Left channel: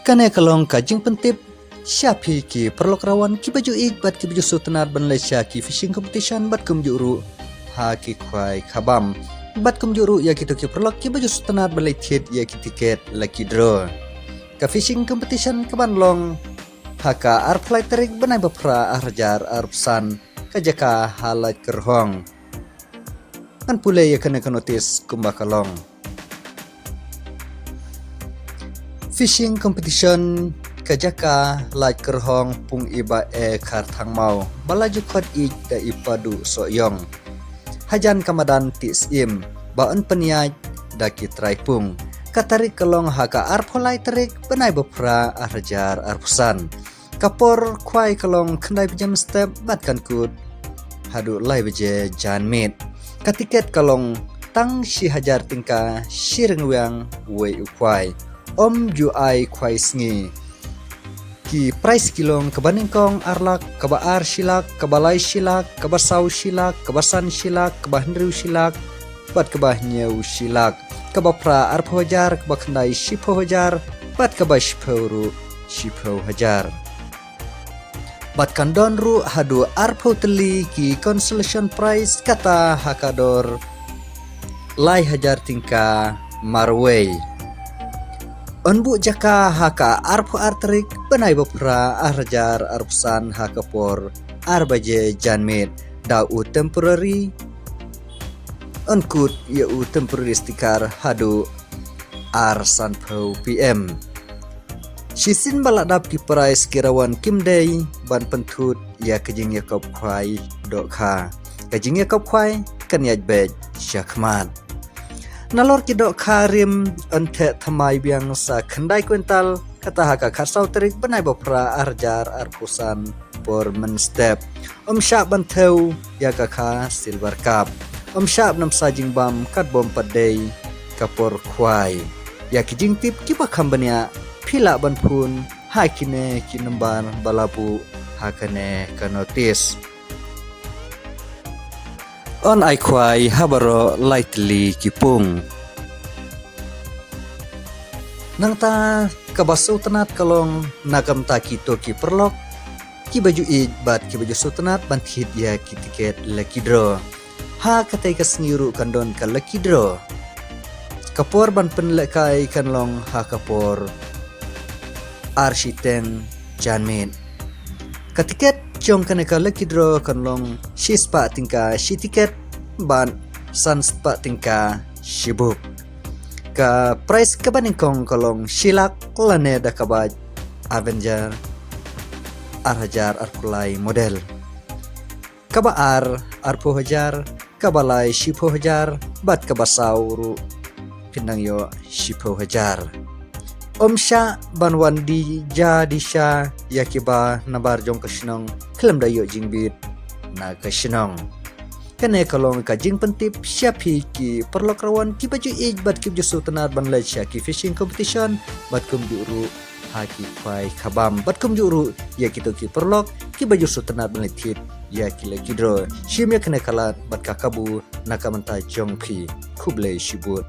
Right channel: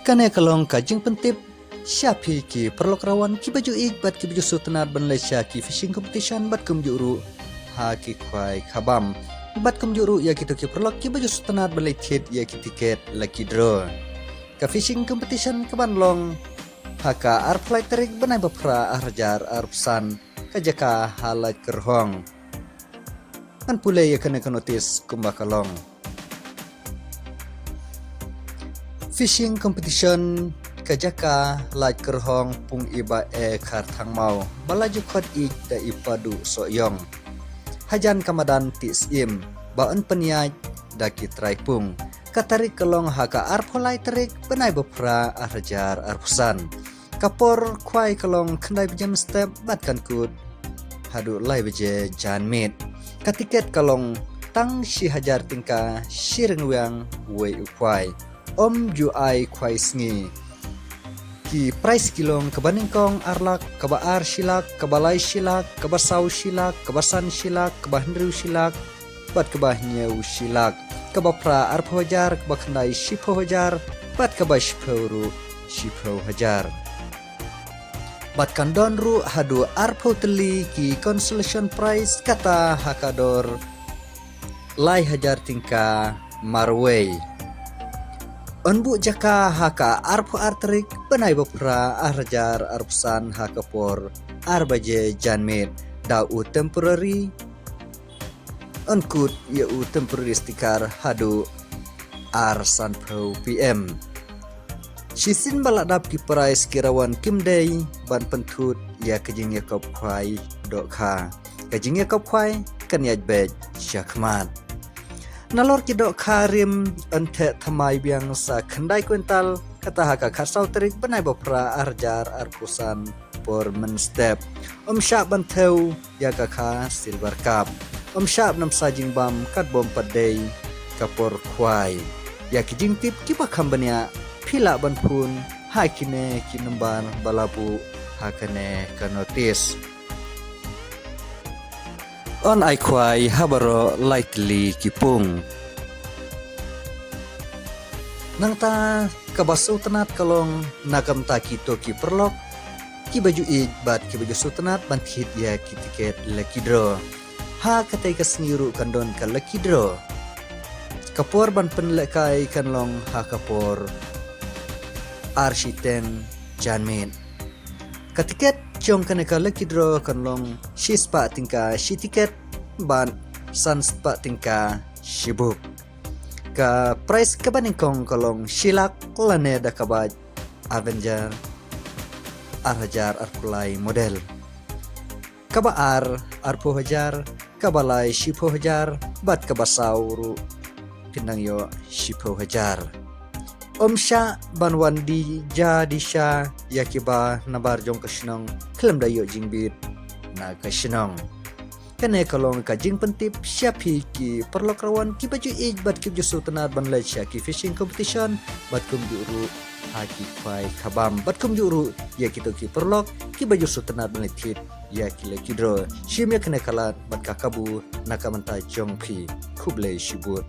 Kane kalong kajing pentip Syapi ki perlok rawan ki baju bat ki baju sutenar ban Malaysia ki fishing competition bat kum juru ha ki kwai khabam bat kum juru ya ki to ki perlok ki baju sutenar ban lechet ya ki tiket lucky draw ka fishing competition ka ban long ha ka ar flight tarik banai bapra arjar arpsan ka jaka halat kerhong kan pule ya kena notis kumba kalong fishing competition kajaka lai kerhong pung iba kar thang mau balaju khot ik da ipadu soyong hajan kamadan tisim baon peniaj da kitrai pung katari kelong haka arpolai terik benai bepra arjar arpusan kapor kwai kelong kendai bijam step batkan kut hadu lai beje jan mit katiket kelong tang si hajar tingka sirengwang wei ukwai om ju ai kwai sngi ki price kilong kebaningkong arlak kebaar silak kebalai silak kebasau silak kebasan silak kebahnriu silak bat kebahnyeu silak kebapra arpo hajar kebakhandai sipo hajar bat kebashpuru sipo hajar bat kandon ru hadu arpo teli ki consolation prize kata hakador lai hajar tingka marway Onbu jaka haka arpo arterik benai bapra arjar arpsan hakapor arbaje janmit dau temporary onkut yau temporary stikar hadu arsan pro pm sisin baladap ki price kirawan kimdei ban pentut ya kejing yakop kwai dokha kejing yakop kwai kanyaj bej syakmat Nalor kidok karim ente thamai biang sa khandai kuintal kata haka kharsau terik benai bopra arjar arpusan por menstep syak banteu ya kakha silver cup syak nam sajing bam kat bom padei kapor kwai ya kijing tip kipa khambania phila banpun hakine kinemban balapu hakane kanotis on ai kwai habaro lightly kipung nangta kabasu tenat kalong nakam taki toki perlok ki baju id bat ki baju sutenat banthit ya ki tiket lucky draw ha katai kasngiru kandon ka lucky draw kapor ban penlekai kanlong ha kapor arshiteng janmin katiket Jom kena ka lucky draw kanlong si spa tingka si tiket ban san spa tingka si book ka price kabaningkong kalong silak lane da kabaj Avenger arhajar arpulai model kabaar arpo hajar kabalai sipo hajar bat kabasauru pinang yo sipo hajar Omsya banwan di jadisha yakiba nabar jong kasinong film dayo jingbit na kasinong kane kalong ka jing pentip syapi ki perlok rawan ki baju ijbat ki jusu tenar ban Malaysia ki fishing competition bat kum juru haki kwai khabam bat kum juru ya kito ki perlok ki baju su tenar ban letit ya ki lagi draw shimya kane kalat bat kakabu nakamanta jong phi kuble shibut